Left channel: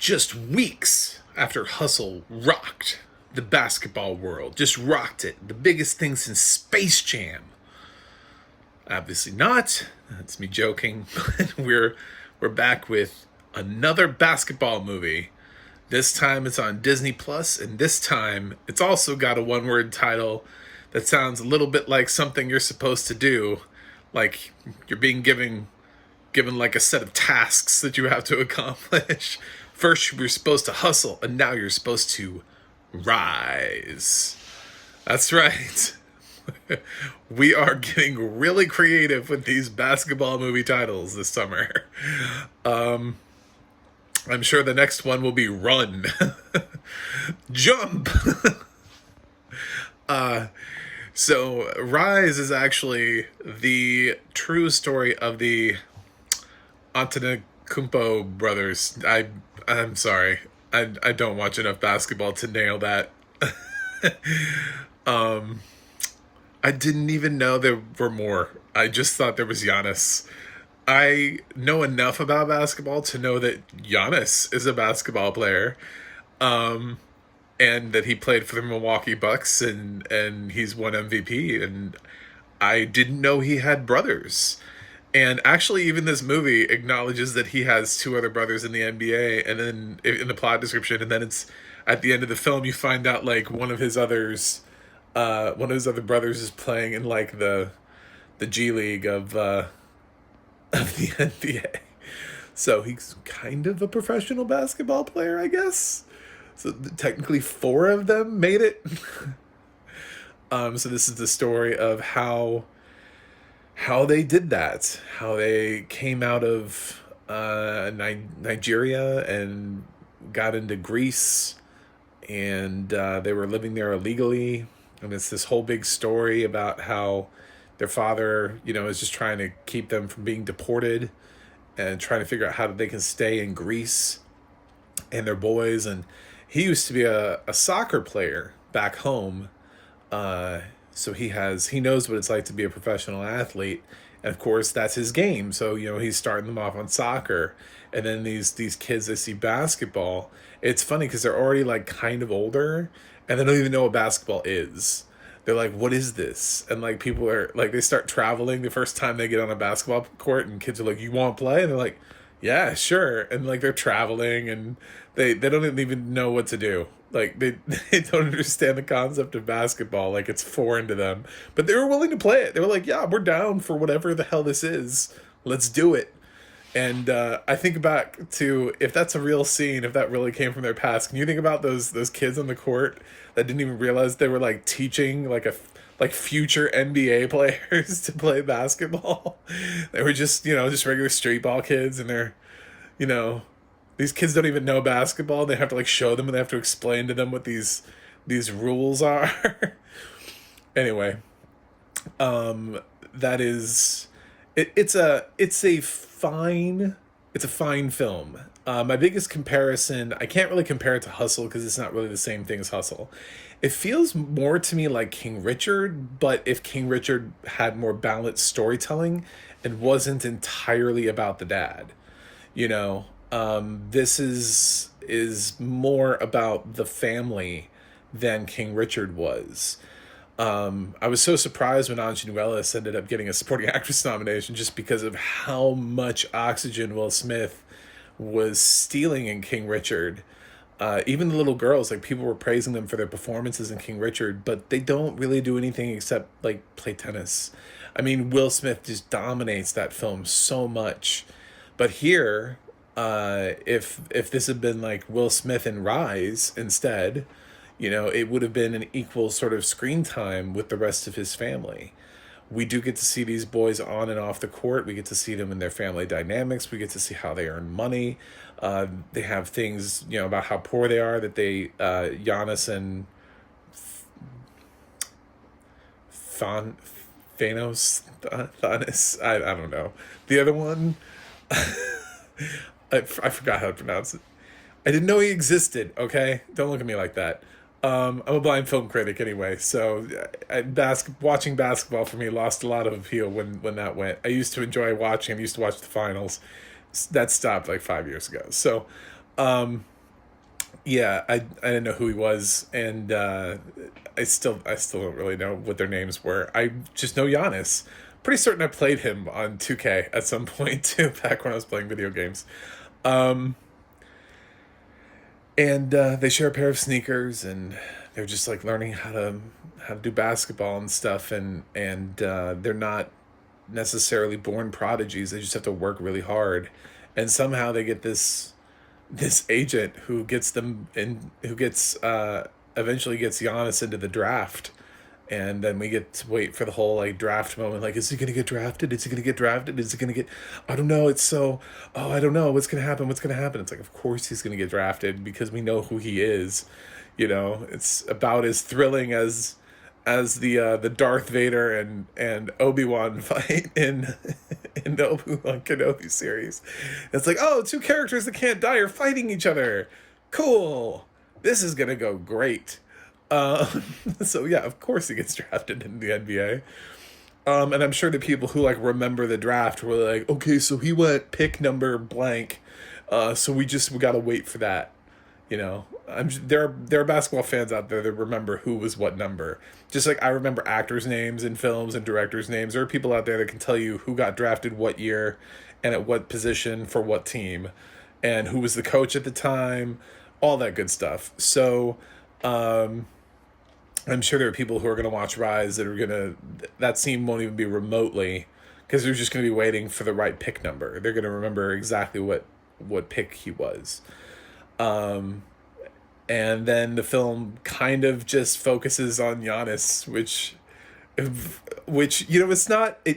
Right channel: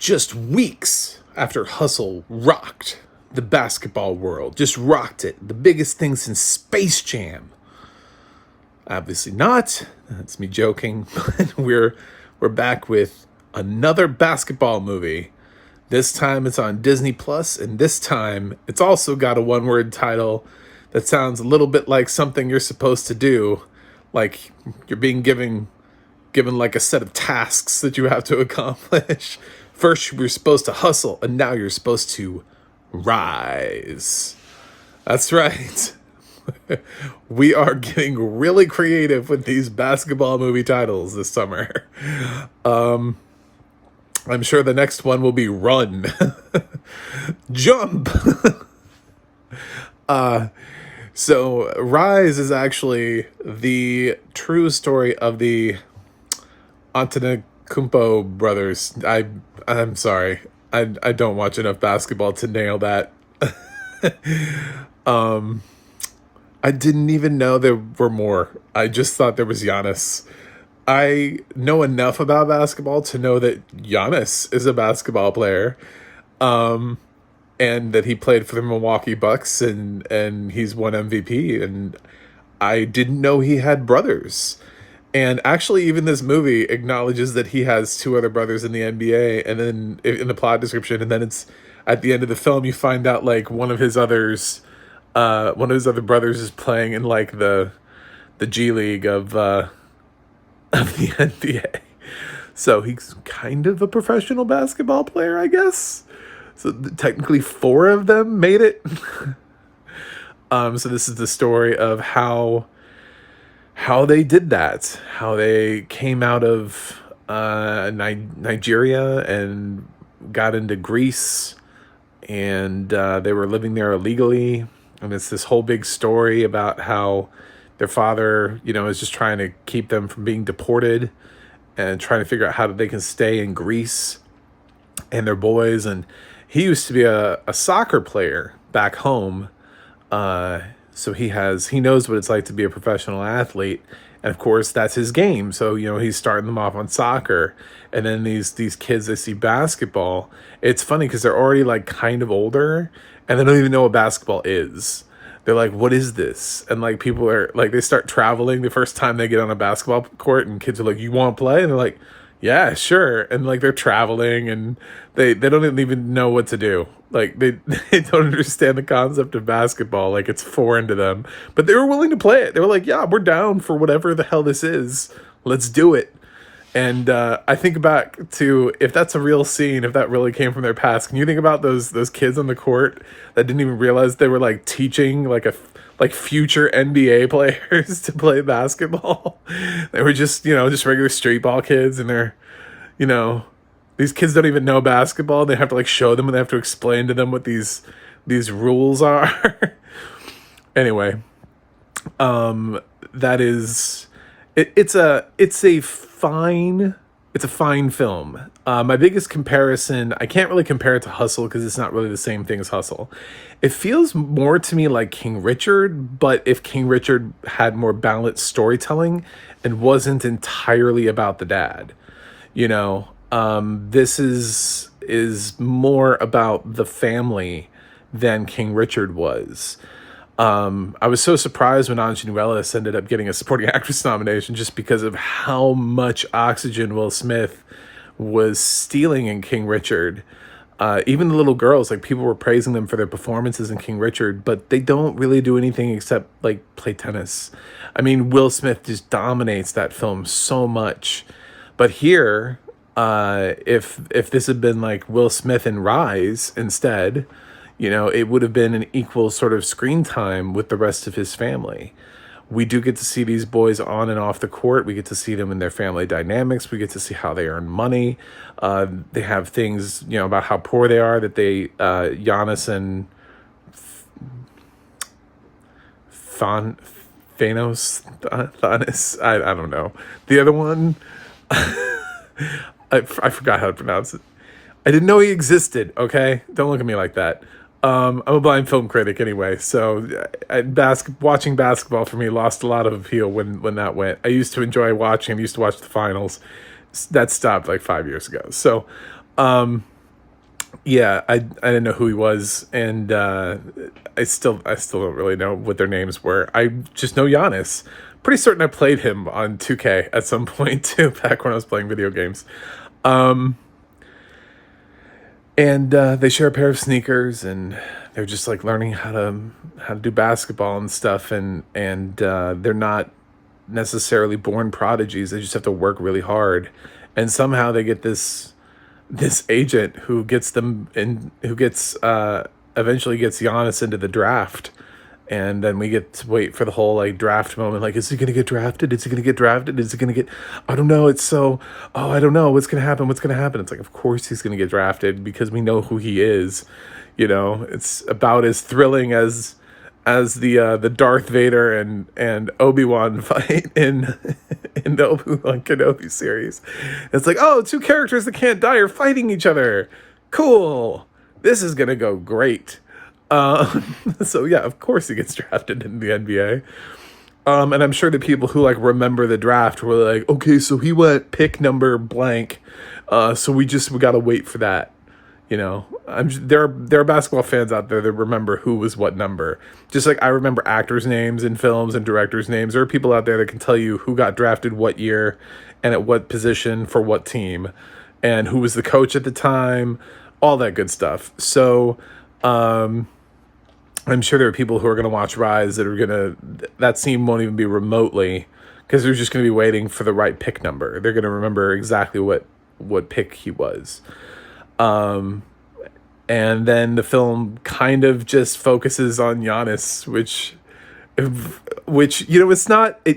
just weeks after Hustle rocked the basketball world, just rocked it, the biggest thing since Space Jam. Obviously not. That's me joking. we're back with another basketball movie. This time it's on Disney Plus, and this time it's also got a one-word title that sounds a little bit like something you're supposed to do, like you're being given like a set of tasks that you have to accomplish. First, you're supposed to hustle, and now you're supposed to rise. That's right. We are getting really creative with these basketball movie titles this summer. I'm sure the next one will be Run. Jump. So Rise is actually the true story of the Antetokounmpo brothers. I'm sorry. I don't watch enough basketball to nail that. I didn't even know there were more. I just thought there was Giannis. I know enough about basketball to know that Giannis is a basketball player. And that he played for the Milwaukee Bucks and he's won MVP. And I didn't know he had brothers. And actually, even this movie acknowledges that he has two other brothers in the NBA, and then in the plot description, and then it's at the end of the film, you find out like one of his other brothers is playing in like the G League of the NBA. So he's kind of a professional basketball player, I guess. So technically, four of them made it. So this is the story of how they did that, how they came out of Nigeria and got into Greece, and they were living there illegally. And it's this whole big story about how their father, is just trying to keep them from being deported and trying to figure out how they can stay in Greece and their boys. And he used to be a soccer player back home. So he knows what it's like to be a professional athlete. And of course, that's his game. So, he's starting them off on soccer. And then these kids, they see basketball. It's funny because they're already like kind of older and they don't even know what basketball is. They're like, what is this? And like people are like, they start traveling the first time they get on a basketball court and kids are like, you want to play? And they're like, yeah, sure. And like they're traveling and they don't even know what to do. Like they don't understand the concept of basketball. Like it's foreign to them, but they were willing to play it. They were like, yeah, we're down for whatever the hell this is. Let's do it. And I think back to, if that's a real scene, if that really came from their past, can you think about those kids on the court that didn't even realize they were like teaching like future NBA players to play basketball? They were just regular street ball kids, and they're, these kids don't even know basketball. They have to like show them, and they have to explain to them what these rules are. Anyway, that is it's a fine film. My biggest comparison, I can't really compare it to Hustle because it's not really the same thing as Hustle. It feels more to me like King Richard, but if King Richard had more balanced storytelling and wasn't entirely about the dad. This is more about the family than King Richard was. I was so surprised when Anjanou Ellis ended up getting a supporting actress nomination just because of how much oxygen Will Smith was stealing in King Richard. Even the little girls, like people were praising them for their performances in King Richard, but they don't really do anything except like play tennis. I mean, Will Smith just dominates that film so much. But here, if this had been like Will Smith in Rise instead, it would have been an equal sort of screen time with the rest of his family. We do get to see these boys on and off the court. We get to see them in their family dynamics. We get to see how they earn money. They have things, about how poor they are, that Giannis and Thanos, I don't know. The other one, I forgot how to pronounce it. I didn't know he existed, okay? Don't look at me like that. I'm a blind film critic anyway, so watching basketball for me lost a lot of appeal when that went. I used to enjoy watching. I used to watch the finals. That stopped like 5 years ago. So Yeah, I didn't know who he was, and I still don't really know what their names were. I just know Giannis. Pretty certain I played him on 2K at some point too, back when I was playing video games. Um, and they share a pair of sneakers, and they're just like learning how to do basketball and stuff, and they're not necessarily born prodigies. They just have to work really hard, and somehow they get this agent who gets them and who gets eventually gets Giannis into the draft. And then we get to wait for the whole like draft moment. Like, is he gonna get drafted? Is he gonna get drafted? Is he gonna get? I don't know. It's so. Oh, I don't know. What's gonna happen? What's gonna happen? It's like, of course he's gonna get drafted because we know who he is. It's about as thrilling as the Darth Vader and Obi-Wan fight in the Obi-Wan Kenobi series. It's like, oh, two characters that can't die are fighting each other. Cool. This is gonna go great. So yeah, of course he gets drafted in the NBA. And I'm sure the people who like remember the draft were like, okay, so he went pick number blank. So we got to wait for that. There are basketball fans out there that remember who was what number. Just like I remember actors' names in films and directors' names. There are people out there that can tell you who got drafted what year and at what position for what team and who was the coach at the time, all that good stuff. So, I'm sure there are people who are going to watch Rise that scene won't even be remotely, because they're just going to be waiting for the right pick number. They're going to remember exactly what pick he was. And then the film kind of just focuses on Giannis, which it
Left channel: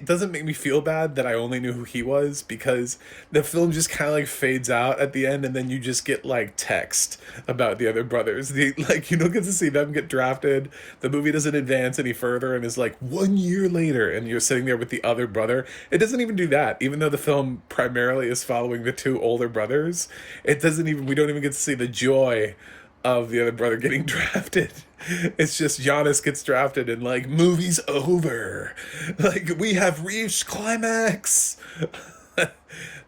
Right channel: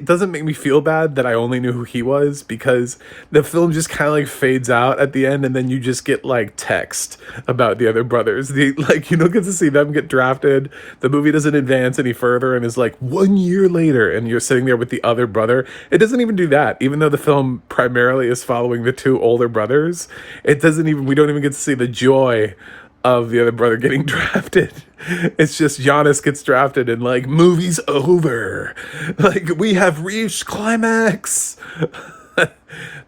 doesn't make me feel bad that I only knew who he was, because the film just kind of like fades out at the end, and then you just get like text about the other brothers. You don't get to see them get drafted. The movie doesn't advance any further and is like 1 year later and you're sitting there with the other brother. It doesn't even do that. Even though the film primarily is following the two older brothers, we don't even get to see the joy of the other brother getting drafted. It's just Giannis gets drafted and like, movie's over. Like, we have reached climax.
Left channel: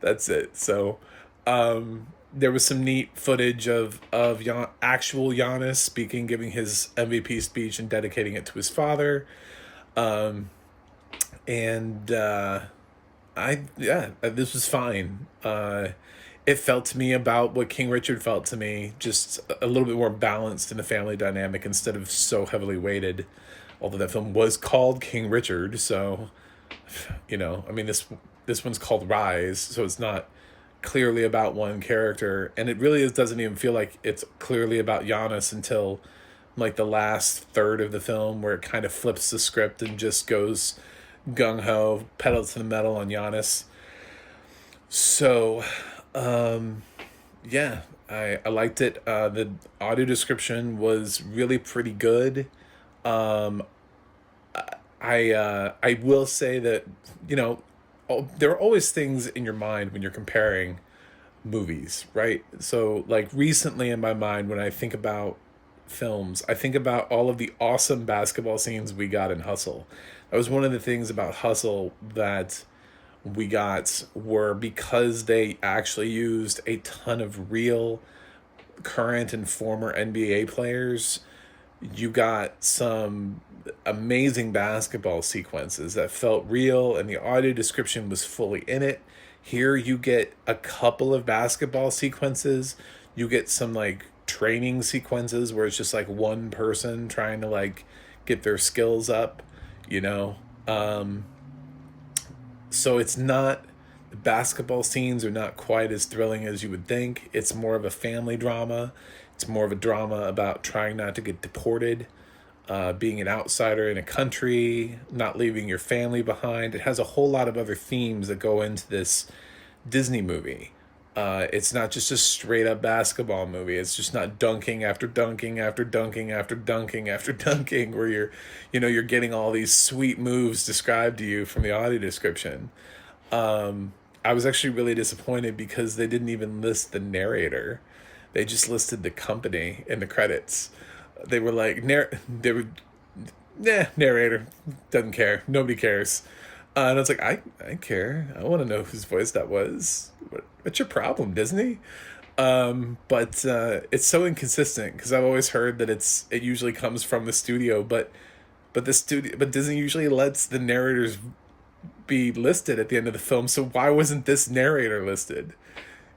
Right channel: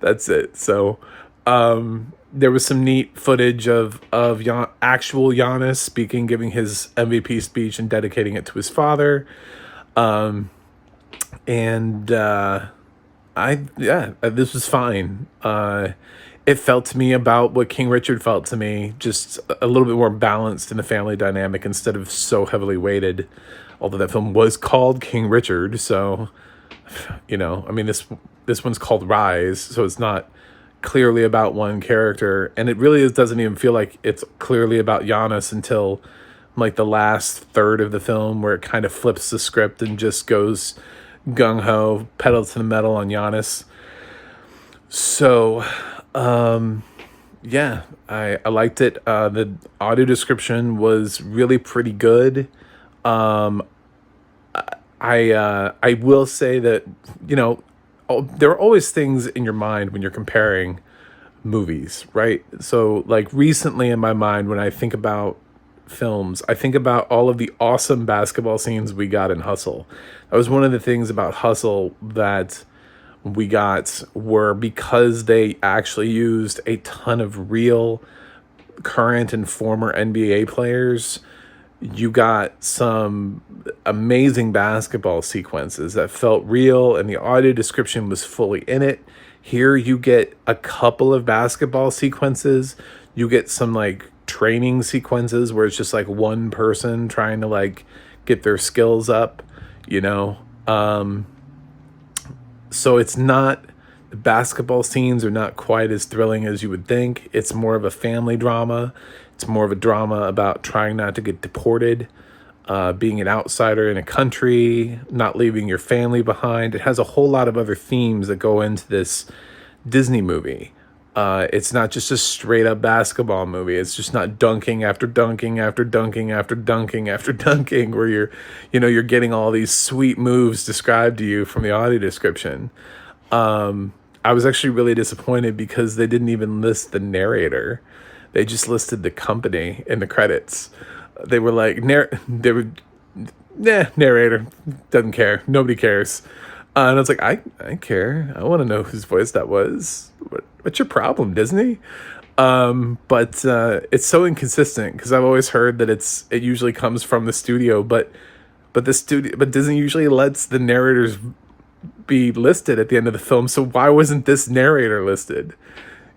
That's it. So, there was some neat footage of actual Giannis speaking, giving his MVP speech and dedicating it to his father. This was fine. It felt to me about what King Richard felt to me, just a little bit more balanced in the family dynamic instead of so heavily weighted. Although that film was called King Richard, so this one's called Rise, so it's not clearly about one character, and it really doesn't even feel like it's clearly about Giannis until like the last third of the film, where it kind of flips the script and just goes gung-ho, pedal to the metal on Giannis. So I liked it. The audio description was really pretty good. I will say that, there are always things in your mind when you're comparing movies, right? So like recently in my mind, when I think about films, I think about all of the awesome basketball scenes we got in Hustle. That was one of the things about Hustle that we got, were because they actually used a ton of real current and former NBA players. You got some amazing basketball sequences that felt real, and the audio description was fully in it. Here you get a couple of basketball sequences. You get some like training sequences where it's just like one person trying to like get their skills up, So it's not, the basketball scenes are not quite as thrilling as you would think. It's more of a family drama. It's more of a drama about trying not to get deported, being an outsider in a country, not leaving your family behind. It has a whole lot of other themes that go into this Disney movie. It's not just a straight up basketball movie. It's just not dunking after dunking after dunking after dunking after dunking, where you're getting all these sweet moves described to you from the audio description. I was actually really disappointed because they didn't even list the narrator. They just listed the company in the credits. They were like, narrator, doesn't care. Nobody cares. And I was like, I care. I want to know whose voice that was. What's your problem, Disney? But it's so inconsistent because I've always heard that it usually comes from the studio, but Disney usually lets the narrators be listed at the end of the film. So why wasn't this narrator listed?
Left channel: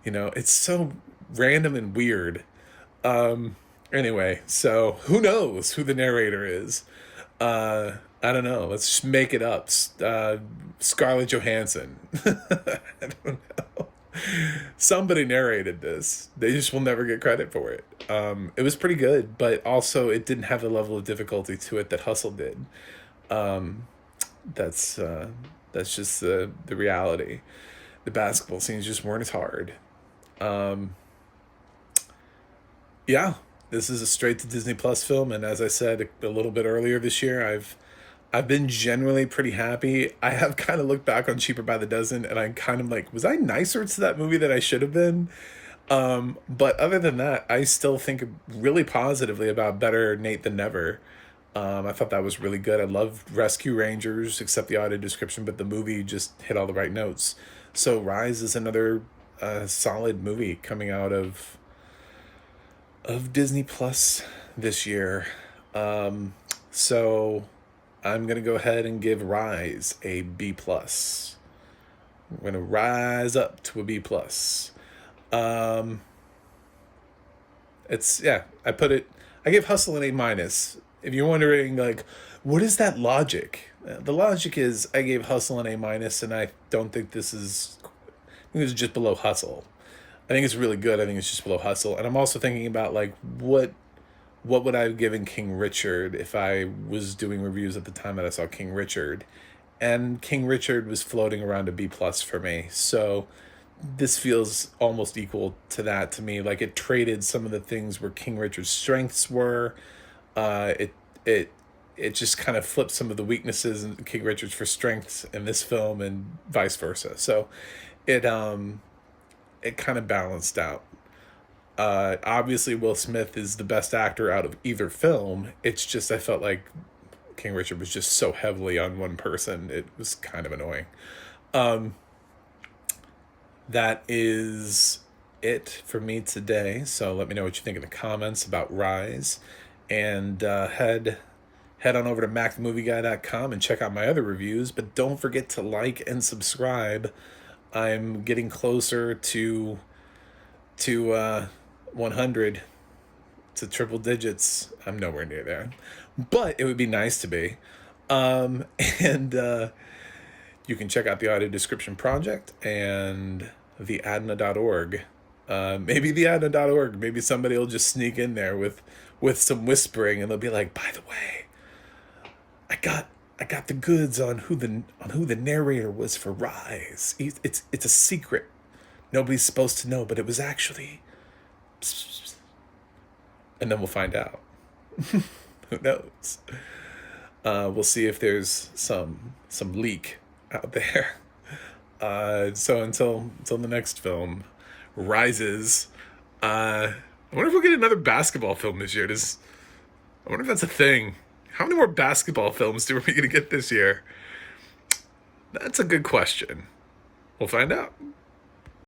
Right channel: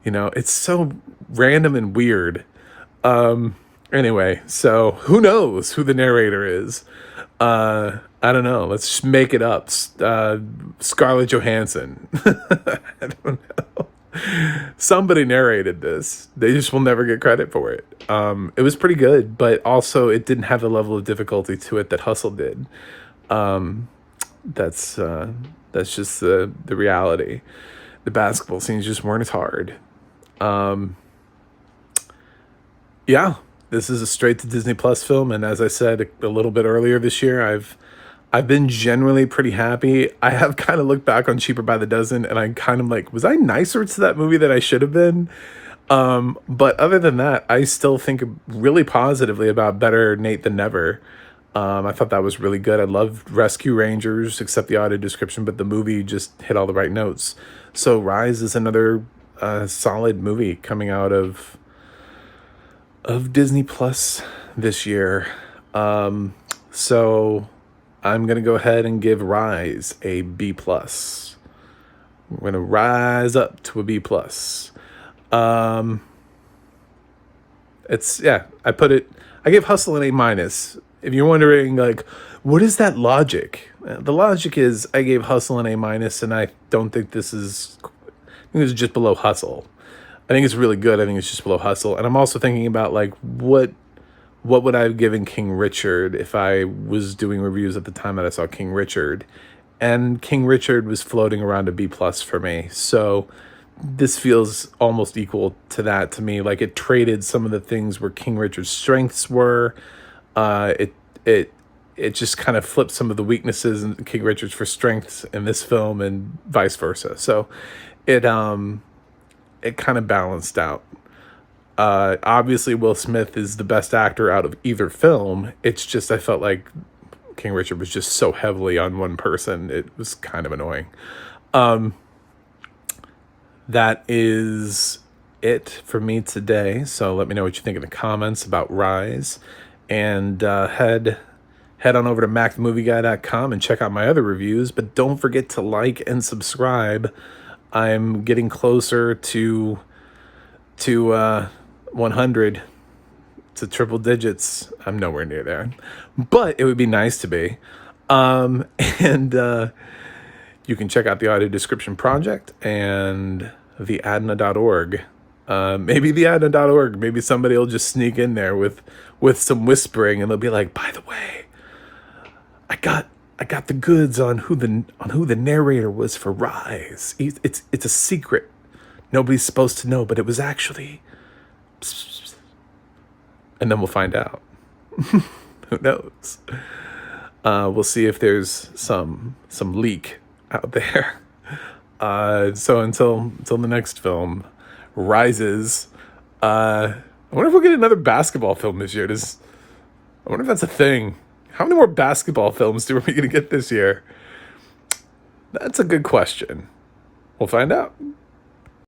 It's so random and weird. Anyway, so who knows who the narrator is? I don't know. Let's just make it up. Scarlett Johansson. I don't know. Somebody narrated this. They just will never get credit for it. It was pretty good, but also it didn't have the level of difficulty to it that Hustle did. That's just the reality. The basketball scenes just weren't as hard. Yeah, this is a straight to Disney Plus film, and as I said a little bit earlier this year, I've been generally pretty happy. I have kind of looked back on Cheaper by the Dozen, and I kind of like, was I nicer to that movie than I should have been? But other than that, I still think really positively about Better Nate Than Never. I thought that was really good. I loved Rescue Rangers, except the audio description, but the movie just hit all the right notes. So Rise is another solid movie coming out of Disney Plus this year. So I'm gonna go ahead and give Rise a B plus. We're gonna rise up to a B plus. It's I gave Hustle an A minus. If you're wondering, like, what is that logic? The logic is I gave Hustle an A minus, and I don't think this is. I think it's just below Hustle. I think it's really good. I think it's just below Hustle. And I'm also thinking about, like, what would I have given King Richard if I was doing reviews at the time that I saw King Richard? And King Richard was floating around a B plus for me. So this feels almost equal to that to me. Like, it traded some of the things where King Richard's strengths were. It just kind of flipped some of the weaknesses in King Richard's for strengths in this film, and vice versa. So it kind of balanced out. Obviously Will Smith is the best actor out of either film. It's just I felt like King Richard was just so heavily on one person. It was kind of annoying. That is it for me today. So let me know what you think in the comments about Rise, and head on over to macthemovieguy.com and check out my other reviews. But don't forget to like and subscribe. I'm getting closer to 100, to triple digits. I'm nowhere near there, but it would be nice to be. And you can check out the audio description project and theadna.org. Maybe theadna.org. Maybe somebody will just sneak in there with some whispering, and they'll be like, by the way, I got the goods on who the narrator was for Rise. It's a secret. Nobody's supposed to know, but it was actually. And then we'll find out. Who knows? We'll see if there's some leak out there. So until the next film, Rises. I wonder if we'll get another basketball film this year. I wonder if that's a thing. How many more basketball films are we going to get this year? That's a good question. We'll find out.